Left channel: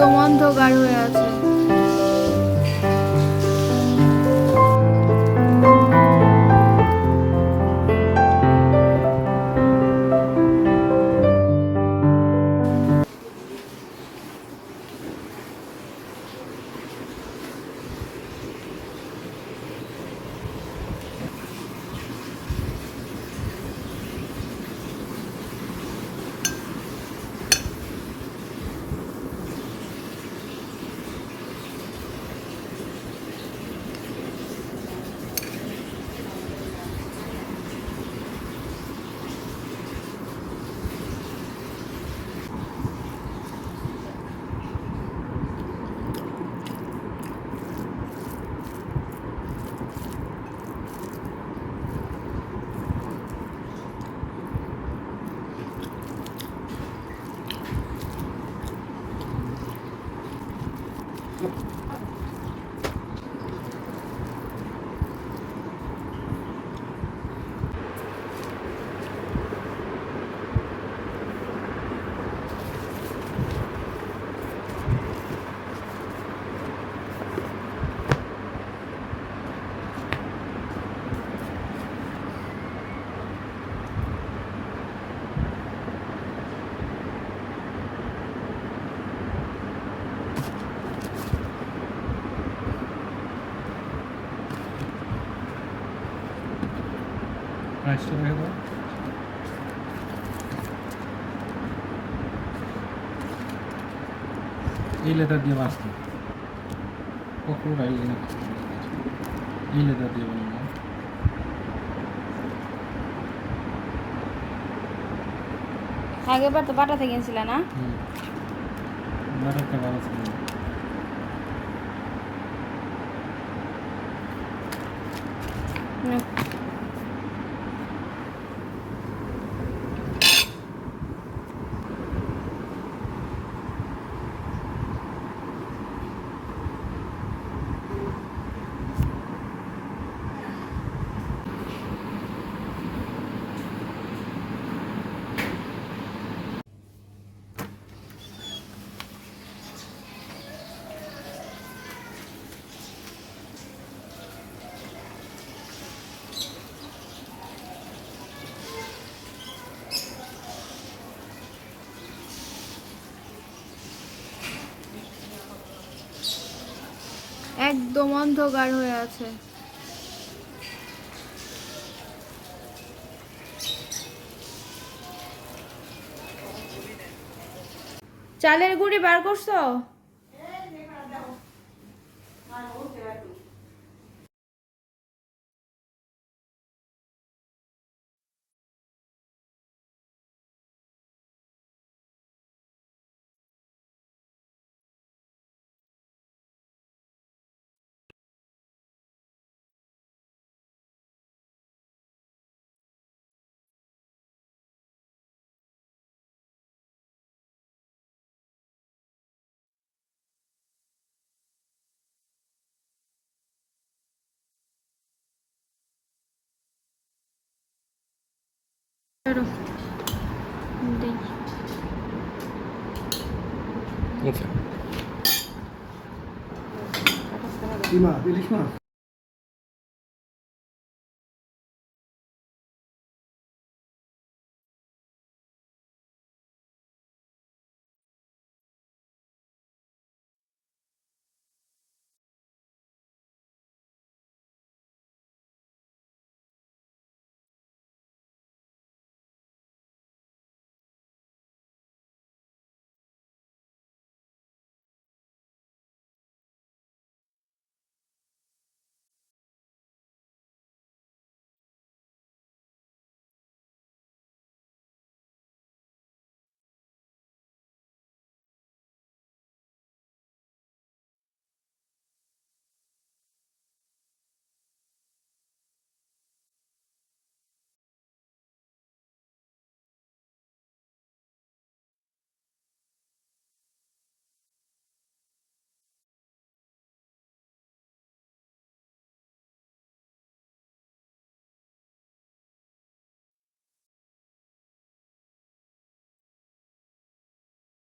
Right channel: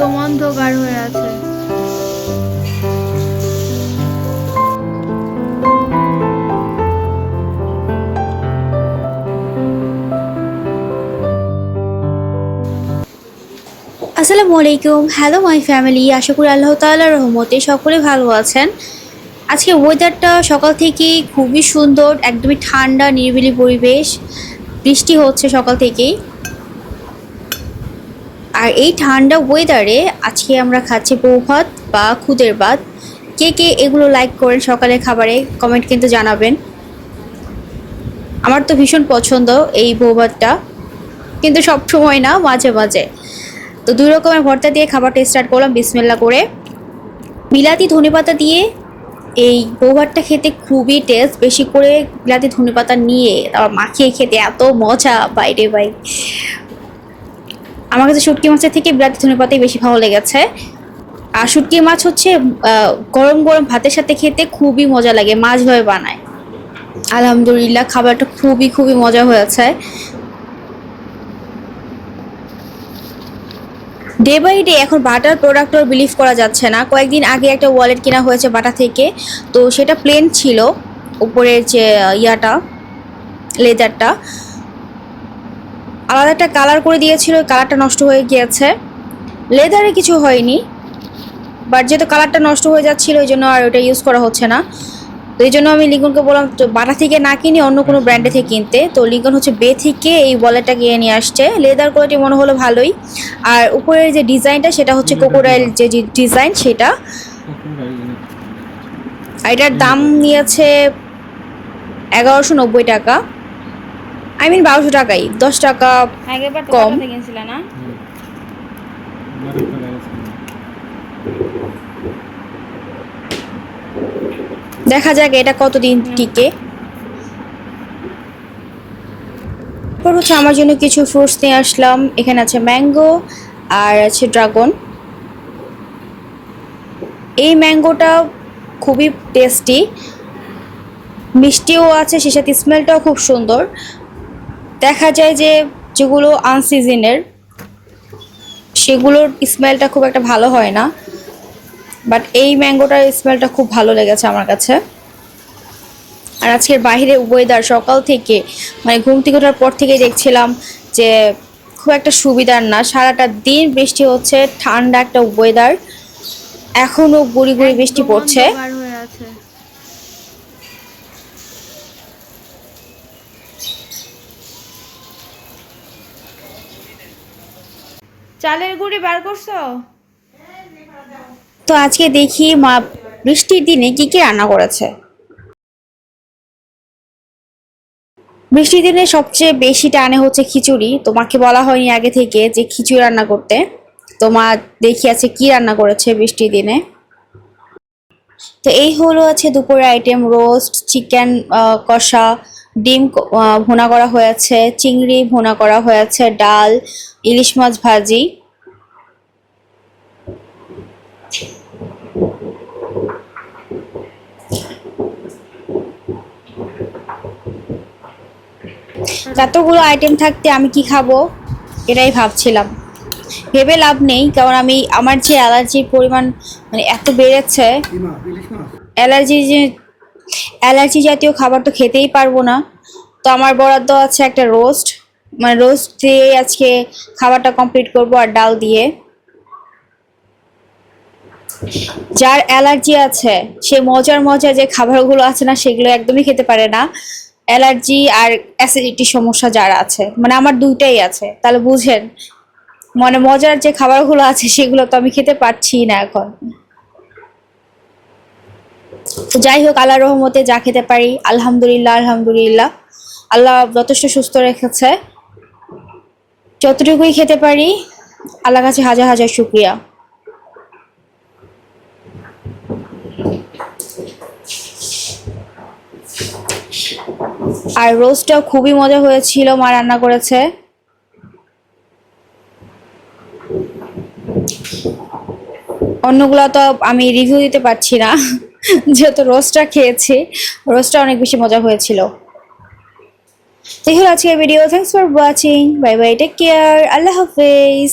একদম অন্ধকার হয়ে আছে। আসসালামু আলাইকুম। হ্যালো মাই ফ্যামিলি আশা করি আল্লাহ তাআলার রহমতে সকলে ভালো আছেন। আজকে ওয়েদারটা সকাল থেকেই খুবই সুন্দর, একদমই ঠান্ডা, নিরিবিলি পরিবেশ। বৃষ্টি হচ্ছে সকাল থেকেই। আর এই ঠান্ডা ওয়েদারে আজকে আমরা খাচ্ছি বউ ভাত বা খুদের ভাত। কে কে এগুলো লাইক করেন সকালে খাবারে কমেন্ট কিন্তু জানাবেন। আমার তো ভীষণ পছন্দ এই বউ ভাতটা কিন্তু সব সময় না, মাঝে মাঝে। তো দুই রকমের ভর্তা দিয়ে খাবারটা স্টার্ট করলাম বিসমেল্লা করে। বিলাতি ধনেপাতা দিয়ে এই বৌভাতটা খেতে খুবই টেস্ট বেশি করে বিলাতি ধনেপাতা নিয়ে মাখিয়ে খেতে এত মজা, বাইরে বাই আমার কাছে শুটকি মাছের থেকে বিলাতি ধনেপাতাই বেশি ভালো লেগেছে। আর শুটকি মাছ হচ্ছে গরম গরম ভাতের সাথে খেতে খুবই মজা লাগে, মাছ ভাবে বানায়। আলহামদুলিল্লাহ, খাবারটা খুবই খুবই মজা হয়েছে। ডে বাই ডে এখন বাটার প্রোডাক্ট আর বিলিভ করা যাচ্ছে না। কয়েকদিন আগে একটা ওয়ালেট কেনা হয়েছে বাটা থেকে। তো সেটা প্লেন ছিল, উপরের যে ইয়াটা লেদারটা আলাদা একটা কালার করে দিয়েছিল ওই কালারটা নষ্ট হয়ে গিয়েছে। লেদারে কিছু হয়নি বাট যেহেতু কালারটা নষ্ট হয়ে যাচ্ছিল ওই জন্য আর ওটা ইউজ করা হচ্ছে না। তো এই জন্য আমি লিঙ্কনকে বললাম তো বাটা থেকে না কিনে অন্য কোনো ব্র্যান্ডে থেকে কিনতে। তো লিঙ্কন হচ্ছে বে থেকে এই ওয়ালেটটা কিনে নিয়ে আসছে। লেদার কোয়ালিটি মনে হলো ভালোই। আর উপরের যে ডিজাইনটা সেটা হচ্ছে কোকোডাইল যে ডিজাইন সেটা। আর এটার দাম নিয়েছে এগারোশো নব্বই টাকা। আই মিন বারোশো টাকাই। দশ টাকা তো কম। কিনছিল না? দেখা যাক এটা কতদিন টিকে। এরপর হচ্ছে আমার জন্য কিছু ফ্রুটস নিয়ে আসলাম। এখানে আছে ম্যাঙ্গো আর আছে ড্রাগন এই ম্যাঙ্গোটা খুবই টেস্টি মিষ্টিও আছে সে সাথে স্মেলটাও খুব সুন্দর। দেখা যায় যে যেগুলো আনসিজনের সেগুলোর স্মেলটা খুব একটা ভালো হয় না বাট এই ম্যাঙ্গোটার স্মেলটা খুব ভালো লেগেছে আমার কাছে। আর আজকের বাইরে ওয়েদার সকাল থেকে মানে ঘুম থেকে ওঠার পর থেকেই দেখছিলাম যে খুব একটা সুবিধার না সারাটা দিন বৃষ্টি হচ্ছে ঠান্ডা একটা ওয়েদার এখনও গুড়ি গুড়ি বৃষ্টি পড়ছে। চালের গুঁড়ি বার করছ? তো আজকে দেখি মা বৃষ্টির দিনে কি কি রান্না করেছে। বৃষ্টির দিনে সবচেয়ে বেশি টানে হচ্ছে খিচুড়ি। তোমাকে বলা হয়নি আগে থেকে যে খিচুড়ি রান্না করতে। তো মা দেখি আছে কি রান্না করেছে বৃষ্টির দিনে। তো এই হলো আছে দুপুরের আইটেম রোস্ট চিকেন কষা ডিম ভুনা করা হয়েছে চিংড়ি ভুনা করা হয়েছে ডাল ইলিশ মাছ ভাজি। এতগুলো আইটেম থাকতে আমি কি খাব? এটাই ভাবছিলাম। ভেবে লাভ নেই কারণ আমি আমার যে অ্যালার্জির পরিমাণ মানে এত বেড়েছে অ্যালার্জি যে অ্যালার্জি জাতীয় খাবার তো খেতেই পারব না। তো আমার বরাদ্দ আছে একটা রোস্ট মানে রোস্ট দিয়ে আজকে খাবারটা কমপ্লিট করব আর ডাল দিয়ে। যার অ্যালার্জি আছে, সে মজার মজার যে খাবারগুলো আছে না, সেগুলো একদমই খেতে পারে না। অ্যালার্জি আর অ্যাসিডিটি সমস্যা যারা আছে মানে আমার দুইটাই আছে। তাহলে বুঝেন মানে মজার যে খাবারগুলো আছে, সেগুলো তো আমি খেতে পারছি না এখন। যাই হোক আল্লাহ রহমতে যা খেতে পারি, আলহামদুলিল্লাহ আলহামদুলিল্লাহ। আল্লাহ যথেষ্ট সুস্থ রেখেছে। যতটুকুই খেতে পারি আল্লাহ কাছে হাজার হাজার শুক্রিয়া। আর রোস্টটাও খুবই মজা হয়েছিল, মা রান্না করেছে। অন্যগুলো তো আমি রিভিউ দিতে পারছি না। যেহেতু রোস্টটা খেয়েছি, রোস্টটা অনেক বেশি মজা হয়েছিল। দেখুন আজকের video thanks for watching bye bye take care আল্লাহ হাফেজ।